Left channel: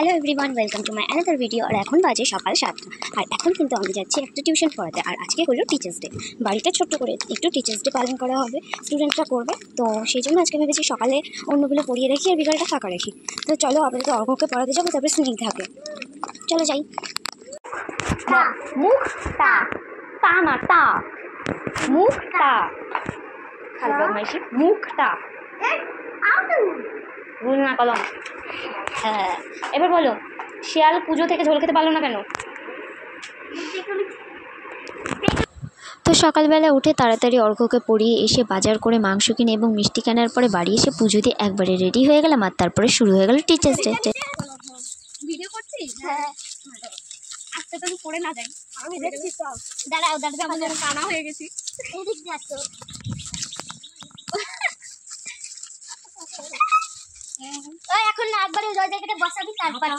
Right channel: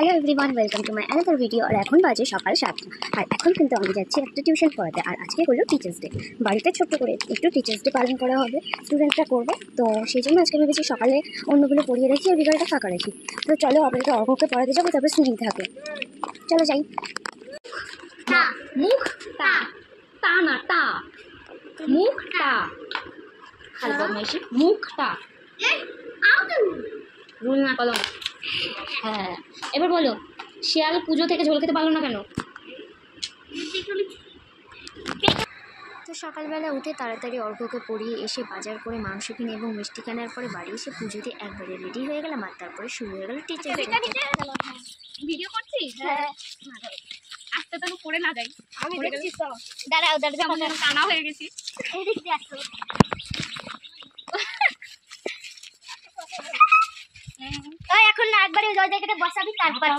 Hello everyone, welcome to my another video. আর এখন বাজে সকাল 7টা। আর এখন কিন্তু আমি যাচ্ছি একটা টিউশন পড়াতে। আর আজকে হলো টিচার্স ডে। বাড়িতে ছোট্ট করে একটু টিচার্স ডে পালন করা হবে, স্টুডেন্টরা করবে। তো সেই জন্য আজকে ভেবেছি সকালে অন্যগুলো পড়িয়ে রাখি আর বিকালটা ফাঁকা রাখি। তো চলো আপাতত অর্ঘকে পড়াতে যাবো, তারপরে স্নিগ্ধ থাকে। চলো যাই। মুখ টা তা না টা মুখটা মুখটা রুল না কলম। হ্যাঁ, এবার বলো, শিয়াল পুজো থেকে ঝোল খেতে পারলো না কেন? তো সকালবেলা উঠে তাড়াতাড়ি অর্ঘকে পড়িয়ে এসে বাজার করে মাংস কিনে এবং মিষ্টি কেনার পরে বাড়ি এসে পুজো দিয়ে একবারে রেডি হয়ে গেলাম। আর তারপরে শুরু হয়ে গেল টিচার্স ডে। ভিডিও করছিস? হ্যাঁ, আজকে তো পড়ে না যাই। আমি দেখছি সব। দাঁড়াও আমি কানা হয়ে গেছি। এদিক দিয়ে আসো। এখন না একবারে ওই জায়গাটা বসাবি, তারপর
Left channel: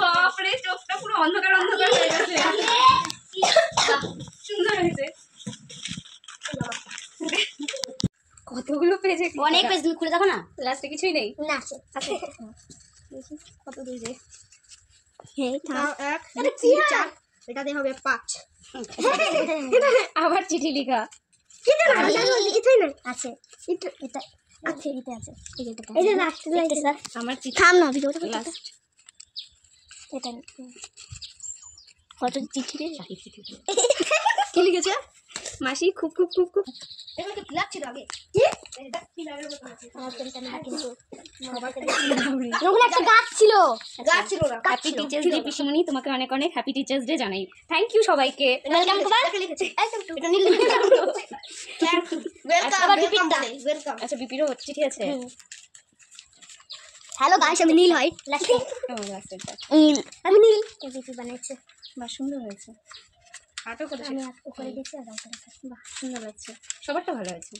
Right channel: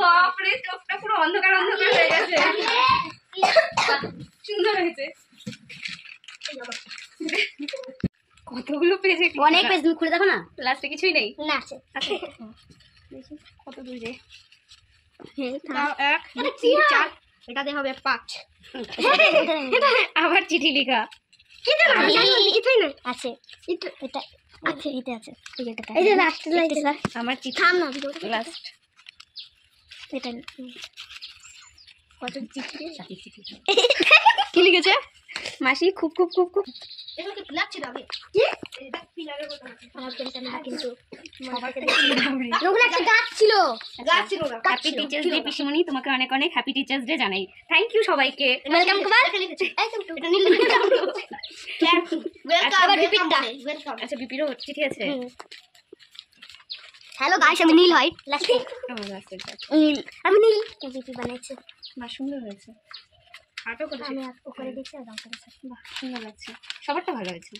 বাপরে, চোখটা পুরো অন্ধকার অন্ধকার হয়ে গেছে। সুন্দর হয়েছে। কতগুলো পেজে, অনেক পেজ, তুমি খুলে দেখো না। লাস্টে কিছুই নেই না আছে দেখি কত দূর যে। এটা দিয়ে হবে 5। আবার চিঠি লেখা আছে, এটা আছে, এটা আছে, এই যে লাস্ট লাইন স্যার আমার চিঠি। থাম না ভিডিও লাস্ট এটা কত চিঠি রে। কি লিখেছে? মাসি খুব খুব খুব খুব। এগুলো কি ফিলাপ ছিল আগে? এটা ফিলাপের মতো আছে। কিন্তু ওগুলো একটা গাছ ছিল, গাছ ছিল না। হ্যাপি টিচার্স ডে পিসমণি, তোমাকে অনেক অনেক হ্যাপি টিচার্স ডে জানাই। থ্যাংক ইউ সবাইকে। ওয়েলকাম টু এটা লিখেছে। ওয়েলকাম টু এটা নীল লিখেছে। Welcome welcome. আচ্ছা, বিপিরও চিঠি আছে। হ্যালো গাইস, আমি নীল হয় লাস্টে নীল, আমি নীল কেজিপি বানাইছে। বাহ, সুন্দর হয়েছে। আর্টও করেছে। আমি উপরে গেছি আর রং করেছি। বাহ, সুন্দর লাগছে। সবারটা ভালো হয়েছে।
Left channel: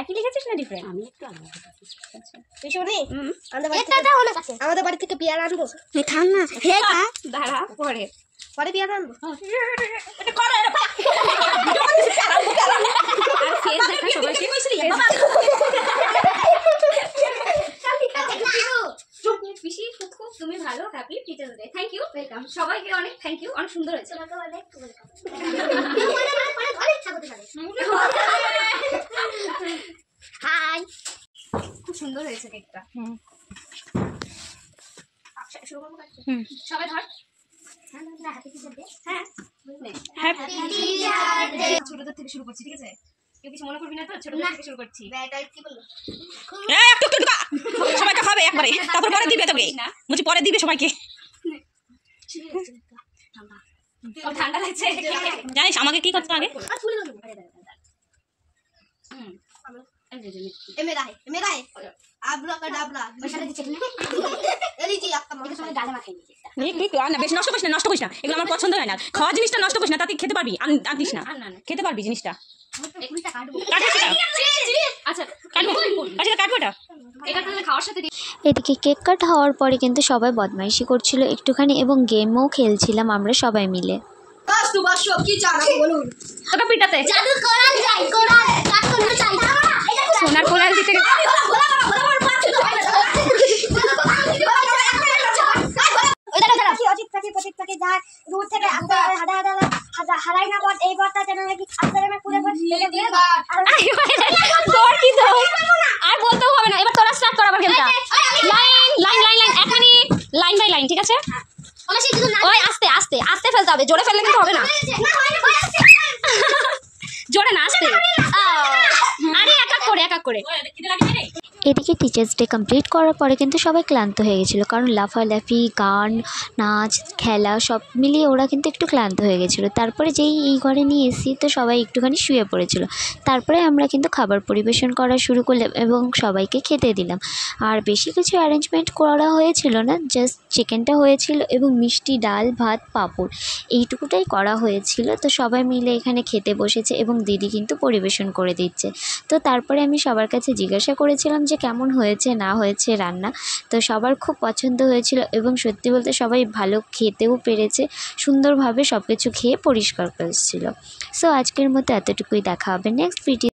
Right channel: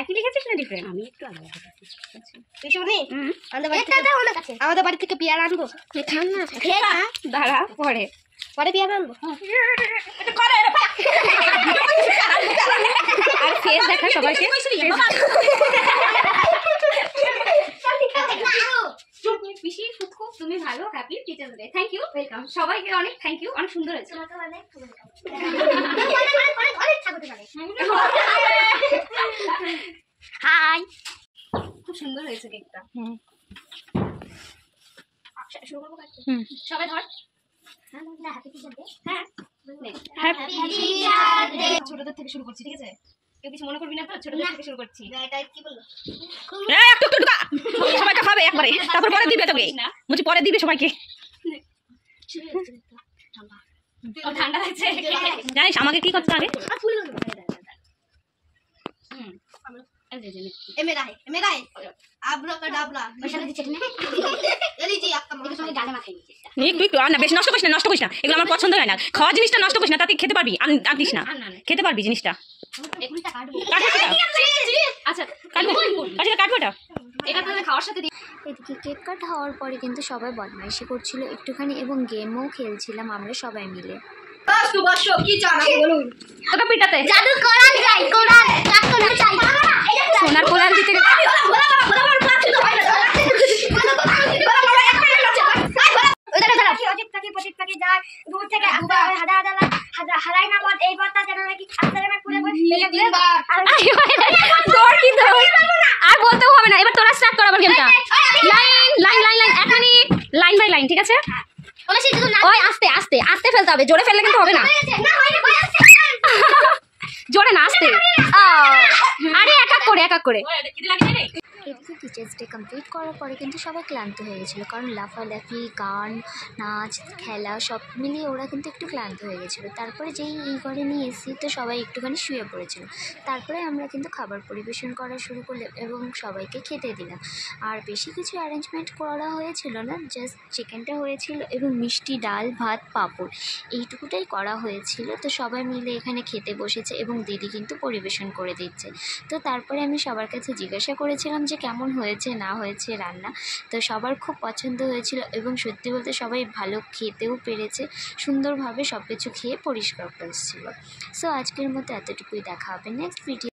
একই লিখেছিস না ডিফারেন্ট? আমি একটু আলাদা লিখেছি। আচ্ছা, পিছনে হুম, আমাদের বাড়ি থেকে পেয়ারা আনবো। থাম না দাঁড়া, পরে পরে পেয়ারা আনবো। আর ফেস দেখা সবাইকে। পিসি খুব খুব তুমি ভালো, happy teachers' day. Thank you, welcome. সবাইকে অনেক থ্যাংক ইউ, অনেক সুন্দর হয়েছে। হাই, খুব সুন্দর হয়েছে কেকটা। হুম শুরু করবো কাজ? হুম সবাই ধর। হ্যাঁ, ছোটদের থেকে শুরু করছি, ঠিক আছে? কেউ কিছু মনে করবি না তো? ছোটদের থেকে শুরু করছি। কি বললো? সবাইকে খাবে একবারে, তারপর পরে দিবে তোকে। বলছি পরে দিবে সবাইকে। ও, ঠান্ডা লাগছে। জানিস আমাকে কি করতে হবে? मेरा है आबरा का डाबला लीजिए आपका मम्मी গালে মাখাই দিয়েছে। তুই আর না বেশি নষ্ট করিস না, এগুলো আমার পছন্দ হয় না। খাওয়া জিনিসটা নষ্ট করিস না, তাতে খেতে পারবি। আনিস না, খেতে পারবি জিনিসটা। কাটবো সেটা। আচ্ছা, কাটবো, আচ্ছা কাটবো এটা। এটা তাহলে খাওয়ার সাথে এদিকে কেক কাট হওয়ার পরে কিন্তু সবাই বদমাইশি করছিল একটুখানি এবং গেমও খেলছিলাম আমরা সবাই মিলে। বাসু বাসু কি জানা বলুন তোকে পিটাতে জাদু কোরাল চাই, কোরাল কাটতে চাই, সোনার কোলাল দিতে আর বলতেও হবে না। এবার তোরা স্টার্ট কর আবার গেমটা। লাইন লাইন লাইন লাইন, এখনই লাইন বাই লাইন, ঠিক আছে? ওই আস্তে আস্তে আস্তে ফেলতে হবে, জোরে ফেললে কিন্তু হবে না। জোরে না, আস্তে। আরে এক এক করে। এদিকে টিচার্স ডে কমপ্লিট করার পরে কিন্তু সবাই ক্লান্ত হয়ে গেছিলো, কারণ লাফালাফি, গান, নাচ, খেলা সব মিলিয়ে ওরা কিন্তু একটু ক্লান্ত হয়ে গেছিলো। তারপরে যেই এই ঘরে নিয়ে এসেছি তো সবাই একটুখানি শুয়ে পড়েছিল। তারপরে আমরা কিন্তু খাবার পরিবেশন করা শুরু করলাম এবং সবাইকে খেতে দিলাম। আর বেশি কিছু অ্যারেঞ্জমেন্ট করা হয়েছিল না, জাস্ট চিকেনটা হয়েছিল এবং মিষ্টি, ডাল, ভাত, পাঁপড় এইটুকুটাই করা হয়েছিল। তো সবাই মিলে এখানে খেতে বসেছে এবং দিদি কিন্তু পরিবেশন করে দিচ্ছে। তো তারপরে আমি সবার কাছে জিজ্ঞাসা করেছিলাম যে যে কেমন হয়েছে না হয়েছে রান্না। তো সবার খুব পছন্দ হয়েছিল এবং সত্যি বলতে সবাই ভালো খেতেও পেরেছে, সুন্দরভাবে সব কিছু খেয়ে পরিষ্কার করেছিল। সো আজকের মতো এতটুকুই, দেখা হবে নেক্সট ভিডিও।